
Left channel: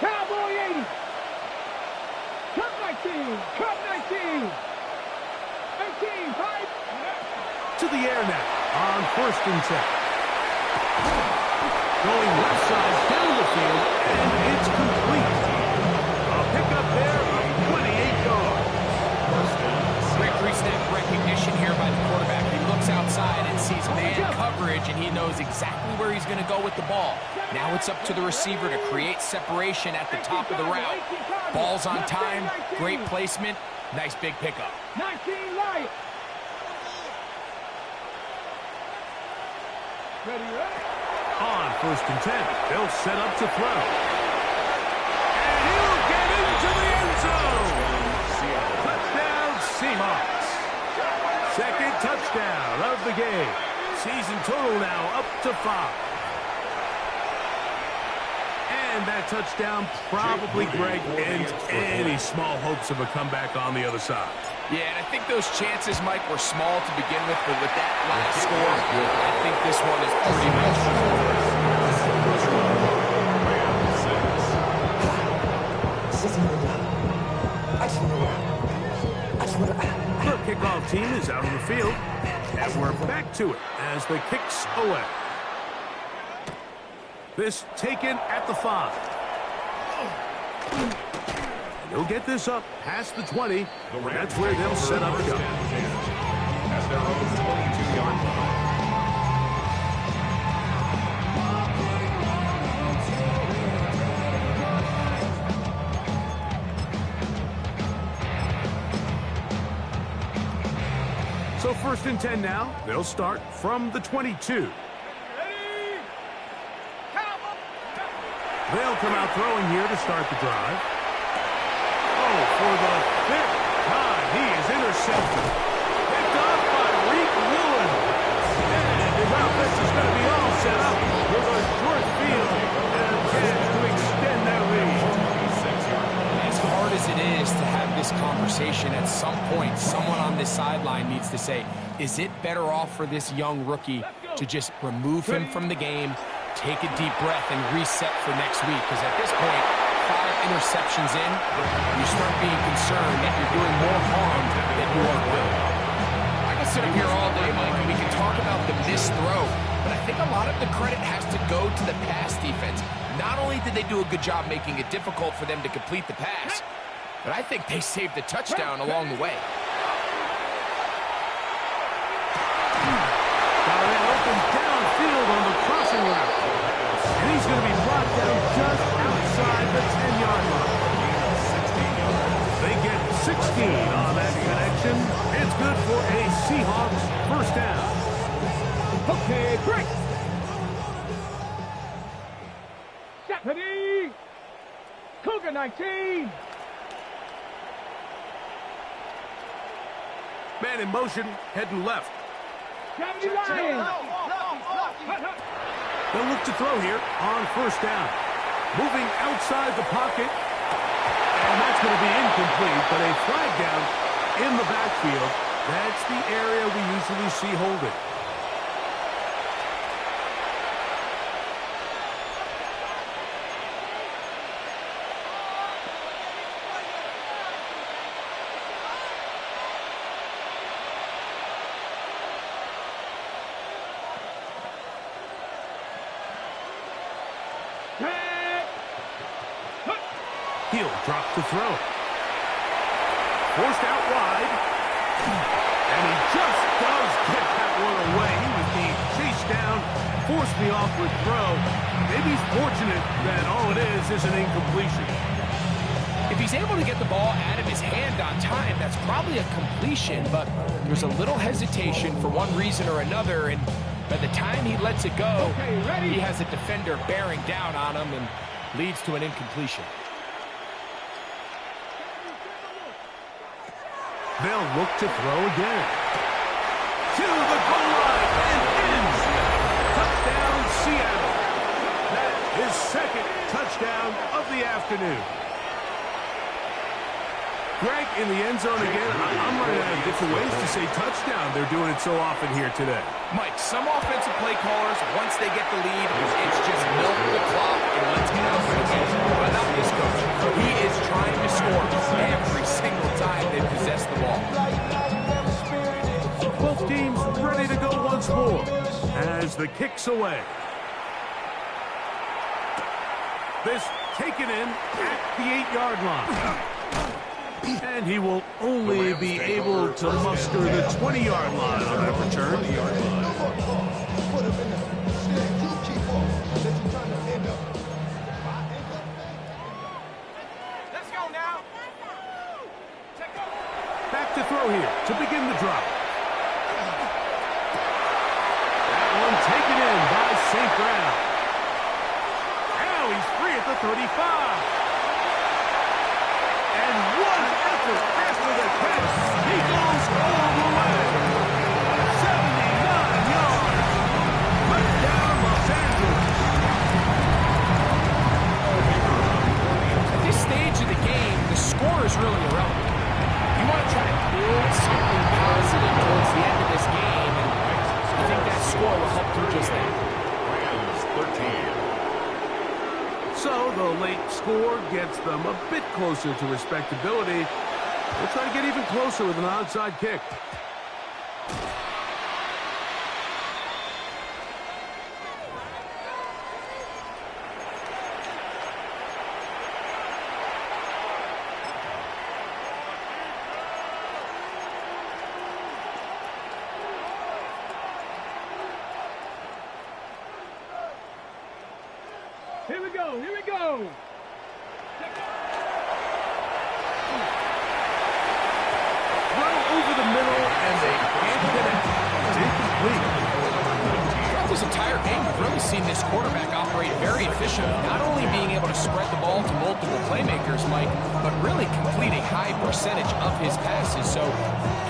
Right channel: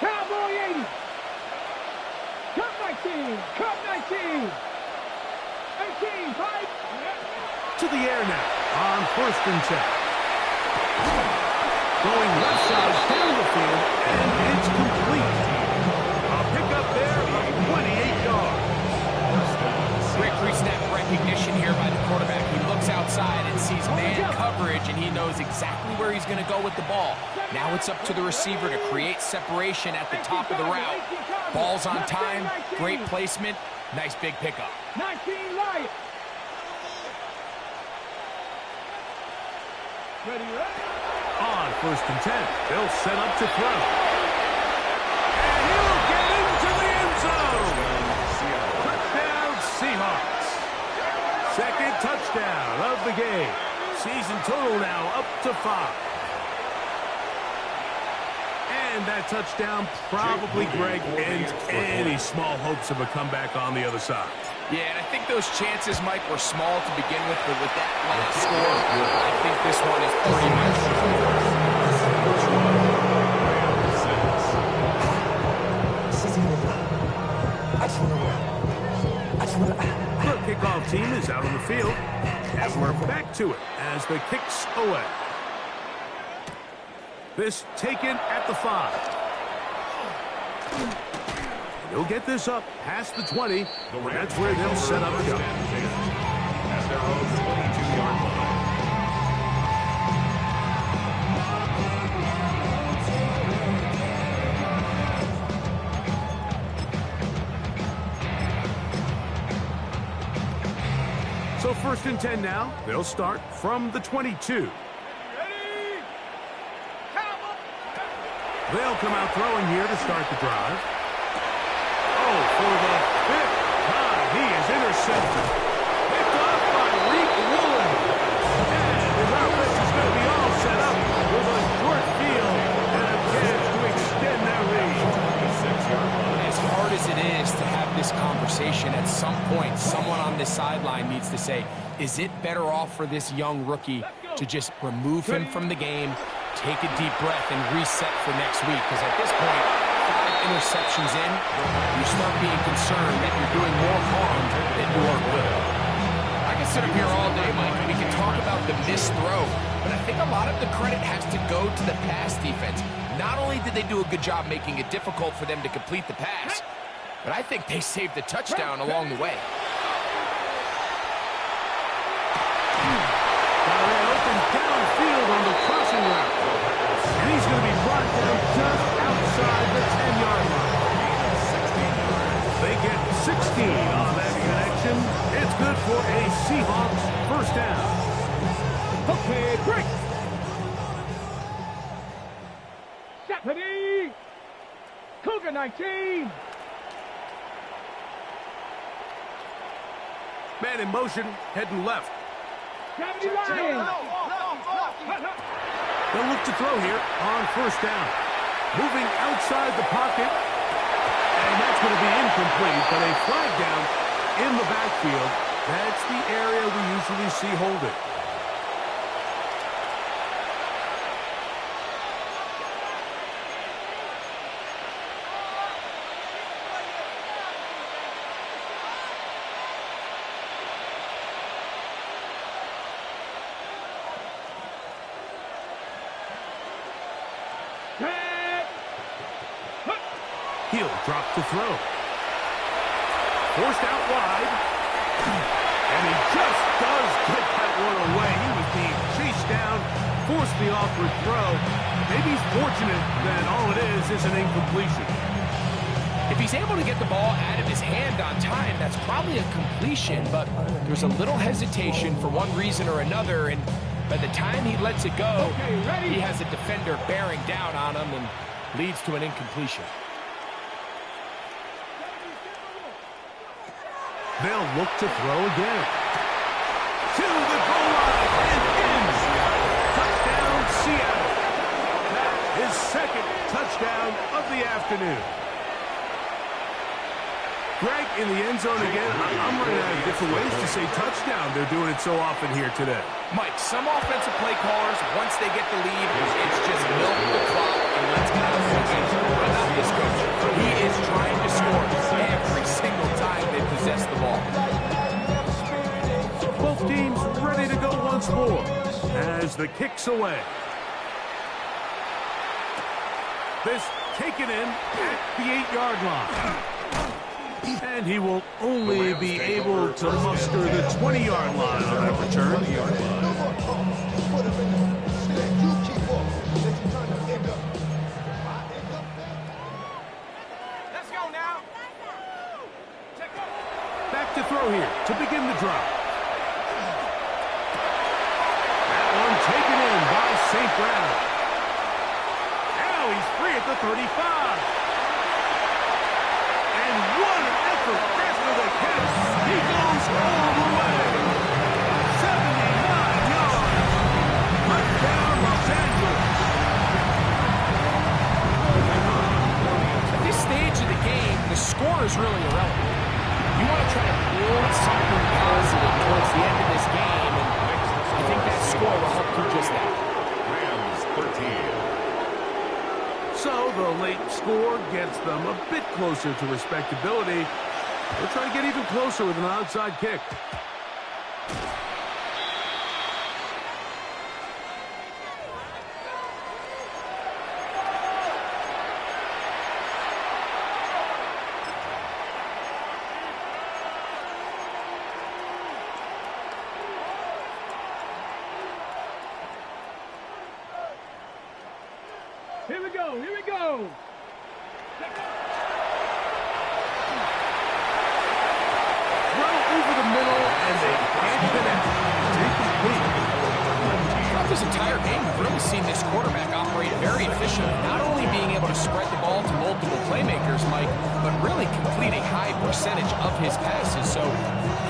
Cowboy 80. Cup 19. Cup 19. 18. 5. To the air now on 1st and 10. Going left side down the field, and it's complete. A pickup there of 28 yards. Great pre-snap recognition here by the quarterback. He looks outside and sees man coverage, and he knows exactly where he's going to go with the ball. Now it's up to the receiver to create separation at the top of the route. Ball's on time, great placement, nice big pickup. 19 Lions. Ready? On 1st and 10, they'll set up to throw. And he'll get into the end zone. Touchdown, Seahawks. 2nd touchdown of the game. Season total now up to 5. And that touchdown probably, Greg, ends any small hopes of a comeback on the other side. Yeah, and I think those chances, Mike, were small to begin with, but with that last score, I think this one is pretty much The kickoff team is out on the field, and we're back to it as the kick's away. This taken at the 5. They'll get this up past the 20. That's where they'll set up shop. At their own 22-yard line. So 1st and 10 now. They'll start from the 22. They'll come out throwing here to start the drive. Oh, for the 5th time, he is intercepted. Picked off by Reek Woolen. And his offense is going to be all set up with a short field and a chance to extend their lead. 26-yard line. as hard as it is to have this conversation. At some point, someone on this sideline needs to say, is it better off for this young rookie to just remove him from the game, take a deep breath, and reset for next week? Because at this point, 5 interceptions in, you start being concerned that you're doing more harm than you are good. I can sit up here all day, Mike, and we can talk about the missed throw, but I think a lot of the credit has to go to the pass defense. Not only did they do a good job making it difficult for them to complete the pass, but I think they saved the touchdown along the way. Got that open downfield on the crossing route. And he's going to be brought down just outside the 10-yard line. Gain of 16 yards. They get 16 on that connection. It's good for a Seahawks first down. Okay, break. Stephanie. Cougar 19. Man in motion, heading left. Gravity Lions. They'll look to throw here on first down. Moving outside the pocket. And that's going to be incomplete, but a flag down in the backfield. That's the area we usually see holding. He'll drop to throw. Forced out wide. And he just does get that one away. He was being chased down, forced the awkward throw. Maybe he's fortunate that all it is an incompletion. If he's able to get the ball out of his hand on time, that's probably a completion, but there's a little hesitation for one reason or another, and by the time he lets it go, he has a defender bearing down on him and leads to an incompletion. They'll look to throw again. To the goal line and in. Touchdown, Seattle. That is second touchdown of the afternoon. Greg, in the end zone again, I'm running out of different ways to say touchdown. They're doing it so often here today. Mike, some offensive play callers, once they get the lead, it's just milk the clock and let's get out of the game. But not this coach. He is trying to score every single time they possess the ball. Both teams ready to go once more as the kick's away. This taken in at the 8-yard line. And he will only be able to muster the 20-yard line on that return. Let's go now. Back to throw here to begin the drop. That one taken in by St. Brown. Now he's free at the 35. And one effort after the catch. He goes all the way. 79 yards. Touchdown, Los Angeles. this stage of the game, the score is really irrelevant. You want to try to build something positive towards the end of this game, and I think that score will help do just that. Rams 13. So the late score gets them a bit closer to respectability. They'll try to get even closer with an onside kick. Here we go, here we go. Throw over the middle, and they can't connect. It's incomplete. Throughout this entire game, we've really seen this quarterback operate very efficiently, not only being able to spread the ball to multiple playmakers, Mike, but really complete a high percentage of his passes. So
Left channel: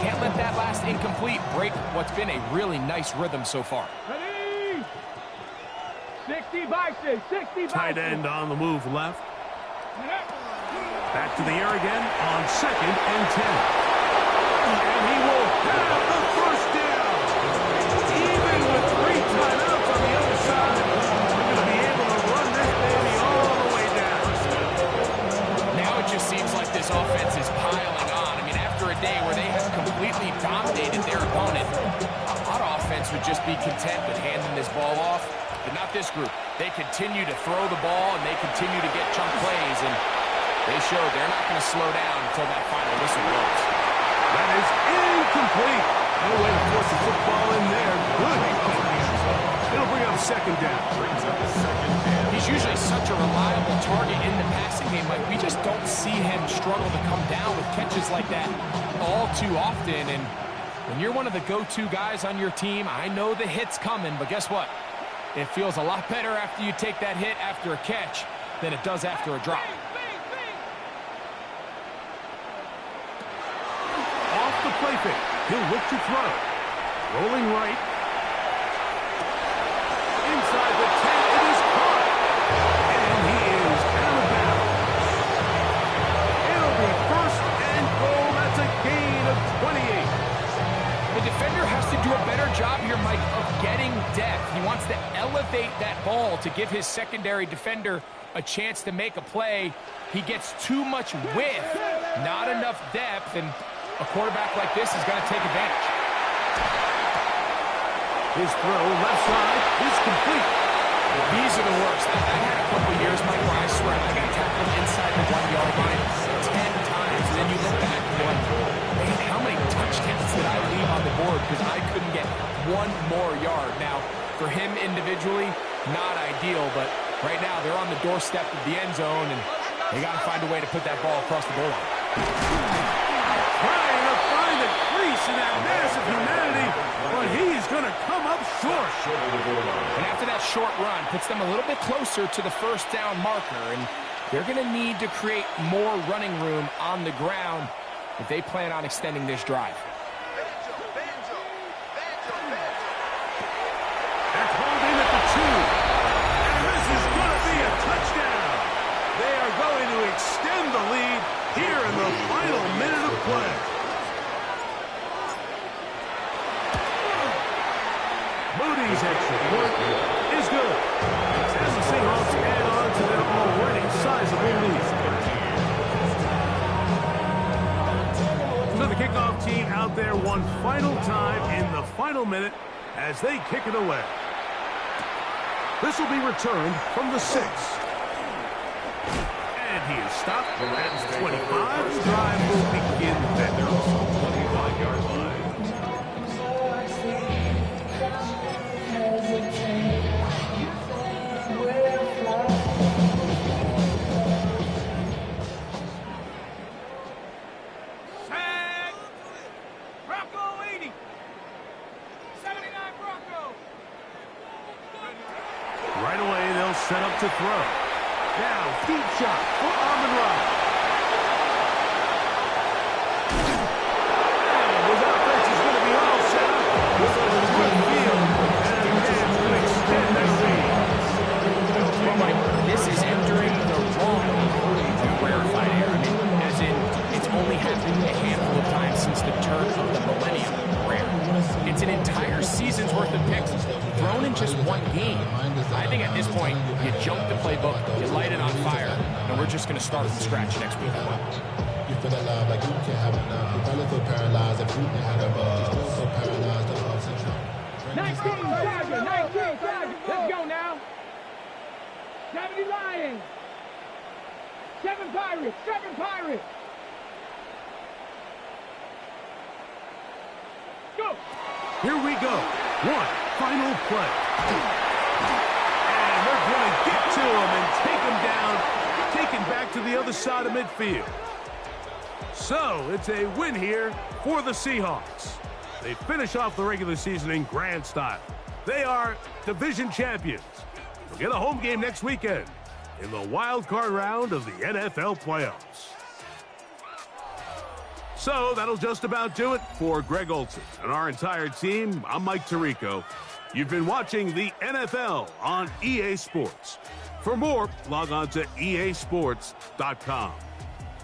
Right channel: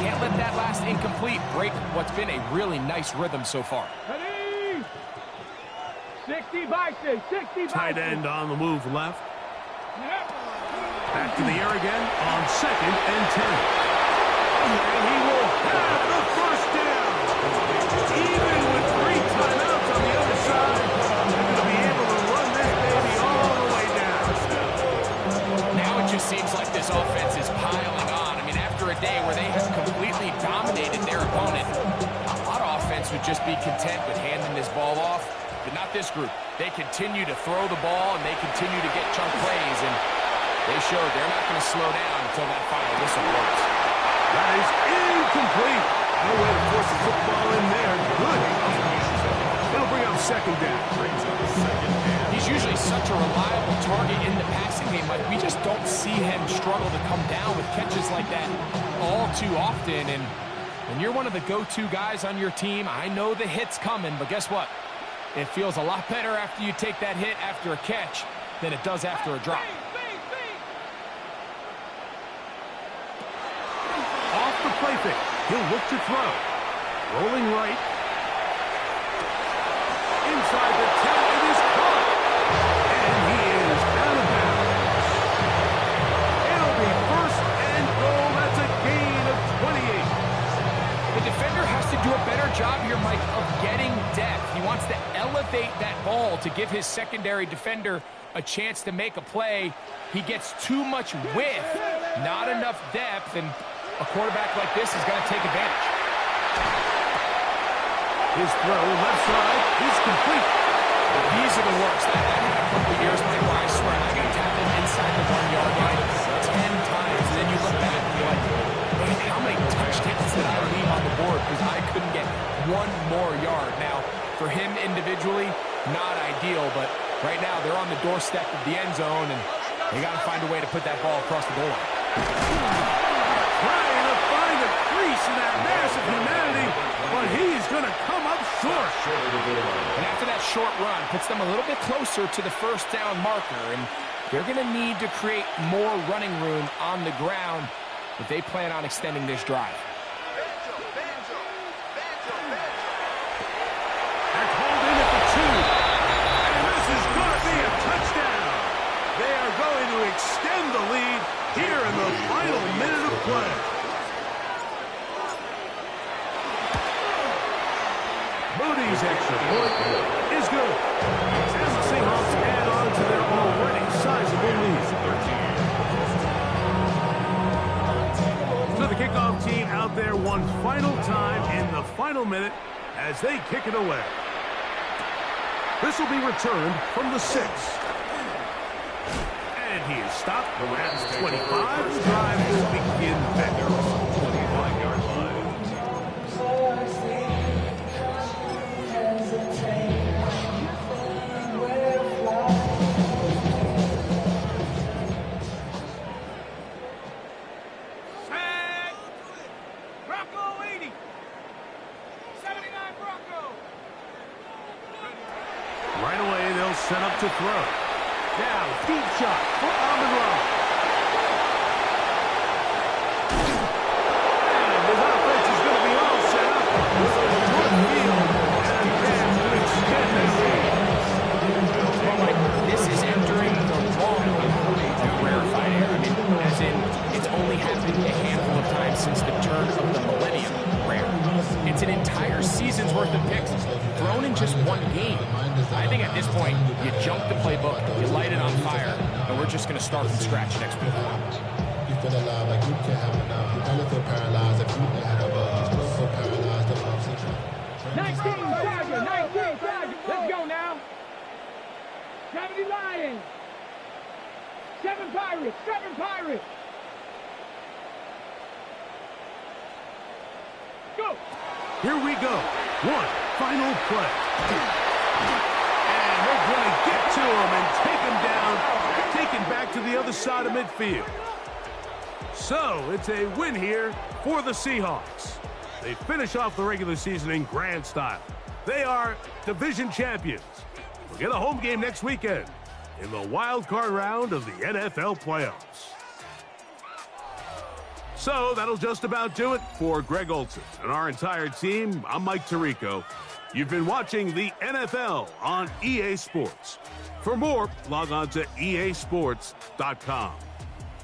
can't let that last incomplete break what's been a really nice rhythm so far. Ready? 60 by 6, 60 by 6. Tight end on the move left. Back to the air again on 2nd and 10. And he will have the first down. Even with 3 timeouts on the other side, they're going to be able to run this baby all the way down. Now it just seems like this offense is piling on. I mean, after a day where they have completely dominated their opponent, a lot of offense would just be content with handing this ball off. But not this group. They continue to throw the ball, and they continue to get chunk plays, and they showed they're not going to slow down until that final whistle blows. That is incomplete. No way to force the football in there. Good. It'll bring up 2nd down. Brings up 2nd down. He's usually such a reliable target in the passing game. Like, we just don't see him struggle to come down with catches like that all too often. And when you're one of the go-to guys on your team, I know the hit's coming, but guess what? It feels a lot better after you take that hit after a catch than it does after a drop. Off the play fake. He'll look to throw. Rolling right. Inside the 10. It is caught. And he is out of bounds. It'll be 1st and goal. That's a gain of 28. The defender has to do a better job here, Mike, of getting depth. He wants to elevate that ball to give his secondary defender a chance to make a play. He gets too much width, not enough depth, and a quarterback like this is going to take advantage. His throw left side is complete. These are the worst. I had a couple years, Mike, where I swear I got tackled inside the 1-yard line 10 times, and then you look back and you're like, man, how many touchdowns did I leave on the board because I couldn't get one more yard? Now, for him individually, not ideal, but right now they're on the doorstep of the end zone, and they got to find a way to put that ball across the goal line. Trying to find a crease in that massive humanity, but he is going to come up short. And after that short run, puts them a little bit closer to the 1st down marker, and they're going to need to create more running room on the ground if they plan on extending this drive. They're called in at the 2, and this is going to be a touchdown. They are going to extend the lead here in the final minute of play. Moody's extra point is good. And the Seahawks add on to their already sizable lead. So the kickoff team out there one final time in the final minute as they kick it away. This will be returned from the 6. And he is stopped. The Rams 25. The drive will begin then. 25-yard line. Sack! Bronco 80! 79 Bronco! Right away, they'll set up to throw. Now, deep shot for Amon-Ra. And his offense is going to be all set up with a short field and a chance to extend their lead. Well, Mike, this is entering the wrong of where happened a handful of times since the turn of the millennium. Rare. It's an entire season's worth of picks thrown in just one game. I think at this point, you jump the playbook, you light it on fire, and we're just going to start from scratch next week. You feel alive like you can't have enough. You probably feel paralyzed if you ain't had a bug. You still feel paralyzed above. 19 Tiger, 19 Tiger. Let's go now. 70 Lions. 7 Pirates, 7 Pirates. Go. Here we go. One final play. And they're going to get to him and take him down, taken back to the other side of midfield. So it's a win here for the Seahawks. They finish off the regular season in grand style. They are division champions. They'll get a home game next weekend in the wild card round of the NFL playoffs. So that'll just about do it for Greg Olson and our entire team. I'm Mike Tirico. You've been watching the NFL on EA Sports. For more, log on to easports.com.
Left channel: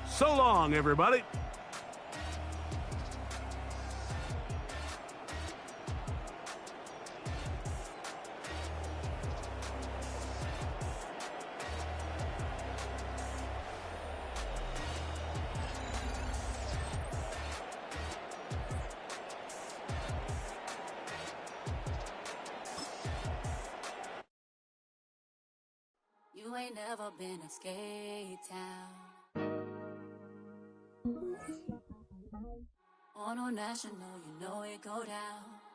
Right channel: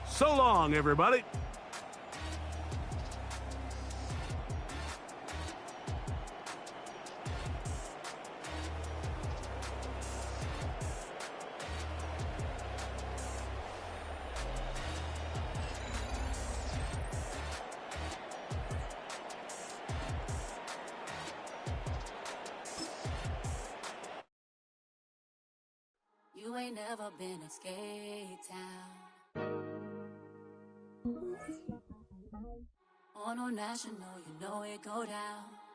So long, everybody. You ain't never been a skate town. On no national, you know it go down.